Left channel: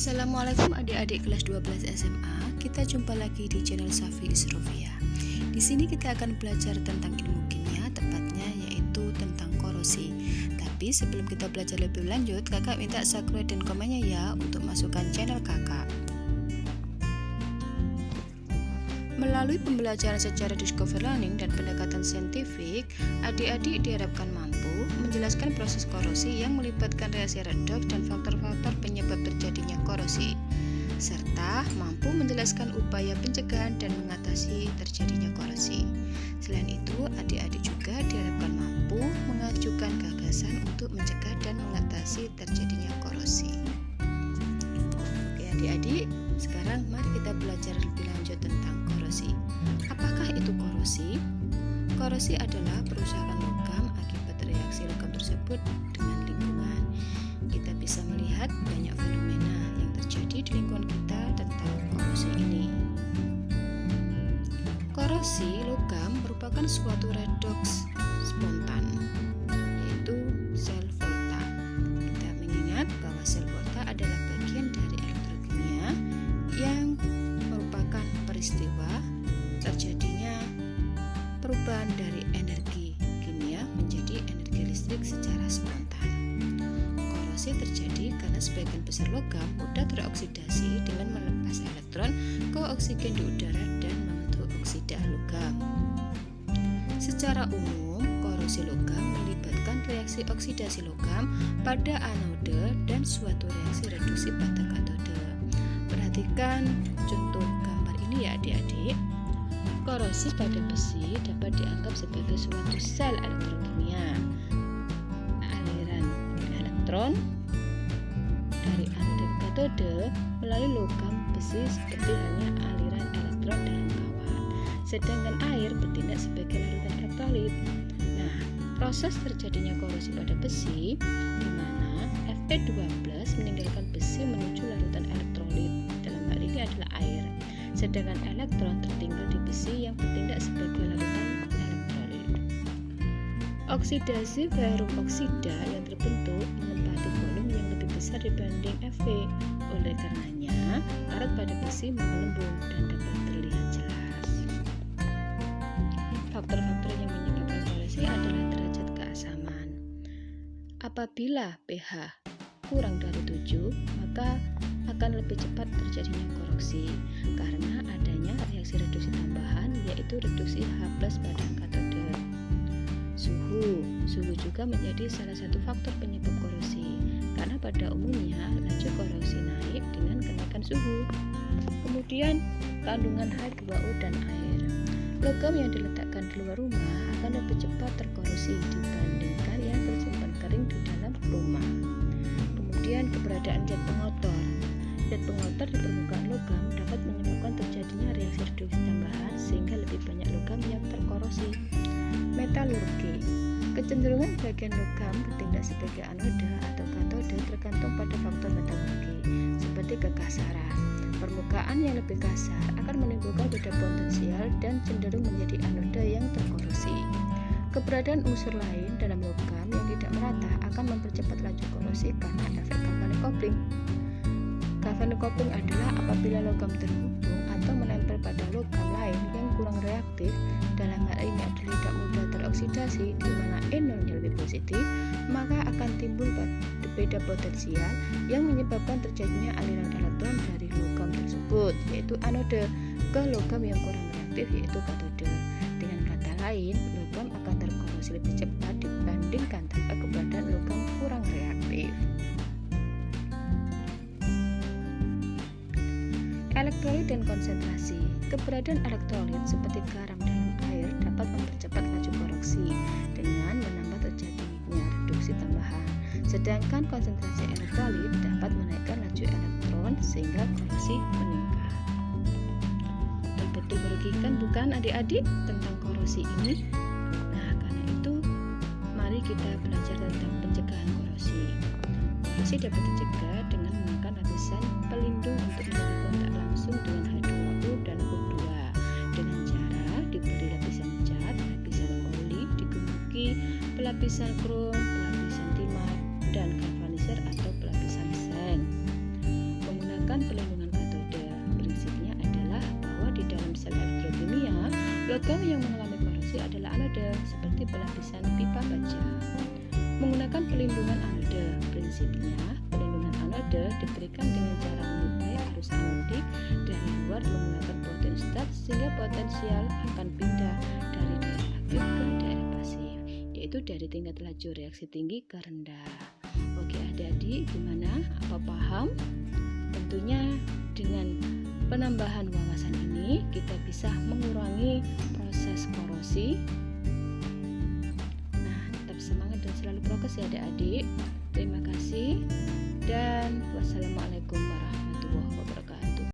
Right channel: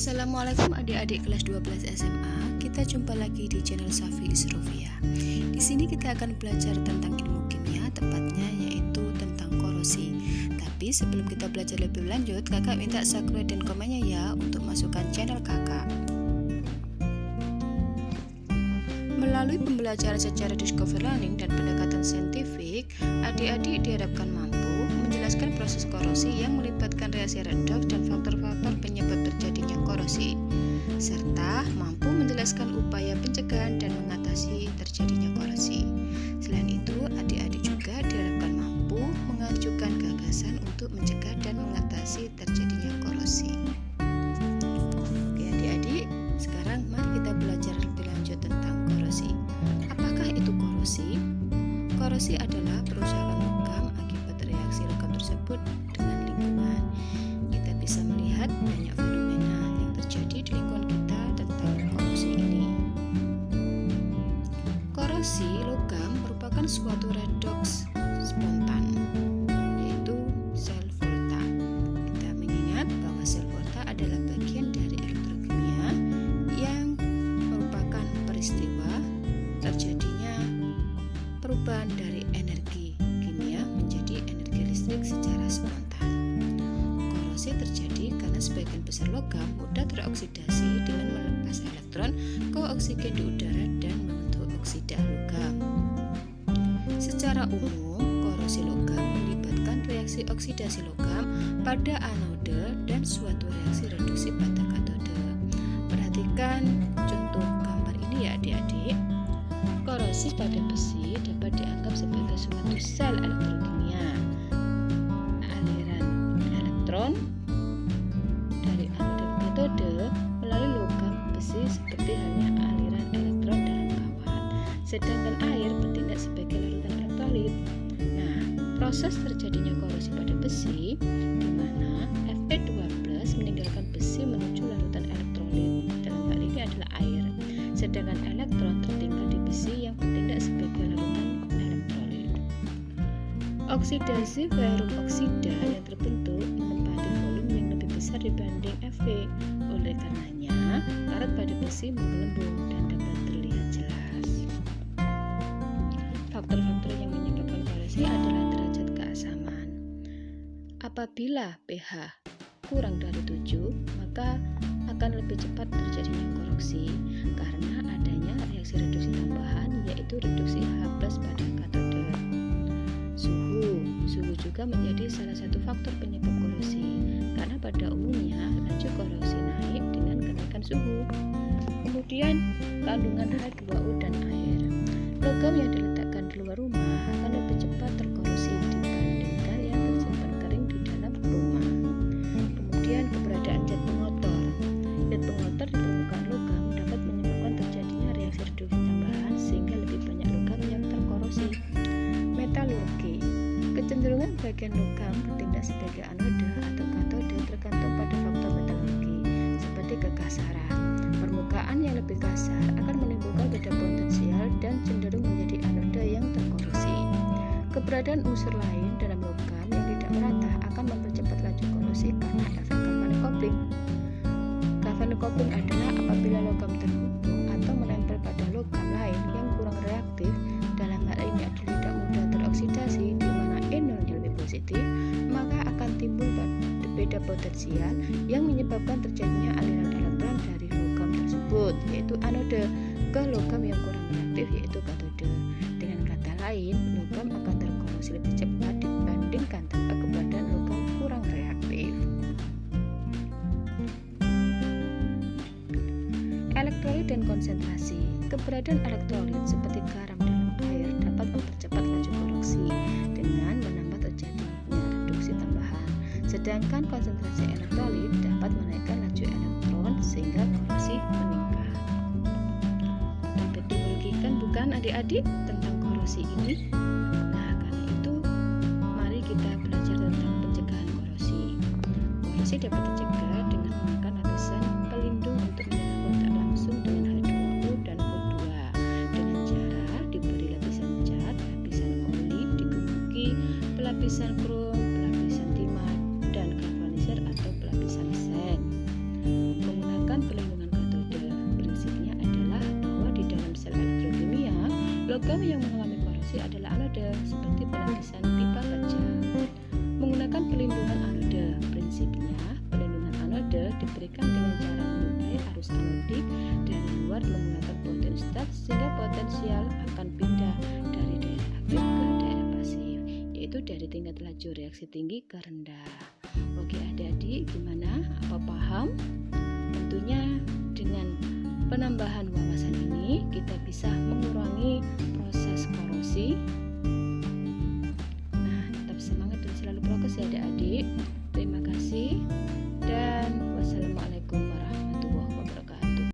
Assalamualaikum adik-adik kelas 12 SMA. Kita jumpa lagi di channel Safi Isrofia. Di sini kita akan belajar tentang ilmu kimia, tepatnya yaitu tentang korosi. Tapi sebelum kita belajar lebih lanjut, kakak minta subscribe dan komennya ya untuk masukkan channel kakak. Melalui pembelajaran secara discovery learning dan pendekatan saintifik, adik-adik diharapkan mampu menjelaskan proses korosi yang melibatkan reaksi redoks dan faktor-faktor penyebab terjadinya korosi, serta mampu menjelaskan upaya pencegahan dan mengatasi terjadinya korosi. Selain itu, adik-adik juga diharapkan mampu mengajukan gagasan untuk mencegah dan mengatasi terjadinya korosi. Oke adik-adik, sekarang mari kita belajar lebih lanjut tentang korosi. Apakah itu korosi? Korosi adalah perusakan logam akibat reaksi logam tersebut dengan lingkungan. Kita bisa melihat banyak fenomena yang terjadi di lingkungan kita tentang korosi ini. Korosi logam merupakan suatu redoks spontan, yaitu sel volta. Kita mengingat bahwa sel volta adalah bagian dari elektrokimia yang merupakan peristiwa terjadinya perubahan dari energi kimia menjadi energi listrik secara spontan. Korosi terjadi karena sebagian besar logam mudah teroksidasi dengan melepas elektron ke oksigen di udara dan membentuk oksida logam. Secara umum, korosi logam melibatkan reaksi oksidasi logam pada anode dan suatu reaksi reduksi pada katode. Perhatikan contoh gambar ini ya adik-adik. Korosi pada besi dapat dianggap sebagai suatu sel elektrokimia. Aliran elektron dari anode ke katode melalui logam besi seperti halnya aliran elektron dalam kawat. Sedangkan air bertindak sebagai larutan elektrolit. Nah, proses terjadinya korosi pada besi di mana Fe2+ meninggalkan besi menuju larutan elektrolit. Dalam hal ini adalah air. Sedangkan elektron tertinggal di besi yang bertindak sebagai larutan elektrolit. Oksidasi ferrum oksida yang terbentuk menempati volume yang lebih besar dibanding Fe. Oleh karenanya, karat pada besi menggelembung dan dapat terlihat jelas. Faktor-faktor yang menyebabkan korosi adalah derajat keasaman. Apabila pH kurang dari 7, maka akan lebih cepat terjadinya korosi karena adanya reaksi reduksi tambahan, yaitu reduksi H+ pada katode. Suhu juga menjadi salah satu faktor penyebab korosi karena pada umumnya laju korosi naik dengan kenaikan suhu. Kemudian kandungan H2O dan air. Logam yang diletakkan di luar rumah akan lebih cepat terkorosi dibandingkan yang tersimpan kering di dalam rumah. Kemudian keberadaan zat pengotor. Zat pengotor di permukaan logam dapat menyebabkan terjadinya reaksi reduksi tambahan sehingga lebih banyak logam yang terkorosi. Metalurgi. Kecenderungan bagian logam bertindak sebagai anoda atau katode tergantung pada faktor metalurgi seperti kekasaran. Permukaan yang lebih kasar akan menimbulkan beda potensial dan cenderung menjadi anoda yang terkorosi. Keberadaan unsur lain dalam logam yang tidak merata akan mempercepat laju korosi karena efek galvanic coupling. Galvanic coupling adalah apabila logam terhubung atau menempel pada logam lain yang kurang reaktif, dalam hal ini adalah tidak mudah teroksidasi di mana E0-nya lebih positif, maka akan timbul beda potensial yang menyebabkan terjadinya aliran elektron dari logam tersebut, yaitu anode, ke logam yang kurang reaktif, yaitu katode. Dengan kata lain, logam akan terkorosi lebih cepat dibandingkan tanpa keberadaan logam kurang reaktif. Elektrolit dan konsentrasi. Keberadaan elektrolit seperti garam dalam air dapat mempercepat laju korosi dengan menambah terjadinya reduksi tambahan. Sedangkan konsentrasi elektrolit dapat menaikkan laju elektron sehingga korosi meningkat. Betul-betul merugikan bukan adik-adik tentang korosi ini? Nah, karena itu mari kita belajar tentang pencegahan korosi. Korosi dapat dicegah dengan menggunakan lapisan pelindung untuk menjaga kontak langsung dengan H2O dan O2 dengan cara diberi lapisan cat, lapisan oli, digemuki, pelapisan krom, pelapisan timah, dan galvanizer atau pelapisan seng. Menggunakan menggunakan pelindungan katode. Prinsipnya adalah bahwa di dalam sel elektrokimia, logam yang mengalami korosi adalah anode, seperti pelapisan pipa baja. Menggunakan pelindungan anode, prinsipnya pelindungan anode diberikan dengan cara menyuplai arus anodik dari luar menggunakan potensitat sehingga potensial akan pindah dari daerah aktif ke daerah pasif, yaitu dari tingkat laju reaksi tinggi ke rendah. Oke adik-adik, gimana? Apa paham? Tentunya dengan penambahan wawasan ini kita bisa mengurangi proses korosi. Nah, tetap semangat dan selalu prokes ya adik-adik. Terima kasih dan wassalamualaikum warahmatullahi wabarakatuh.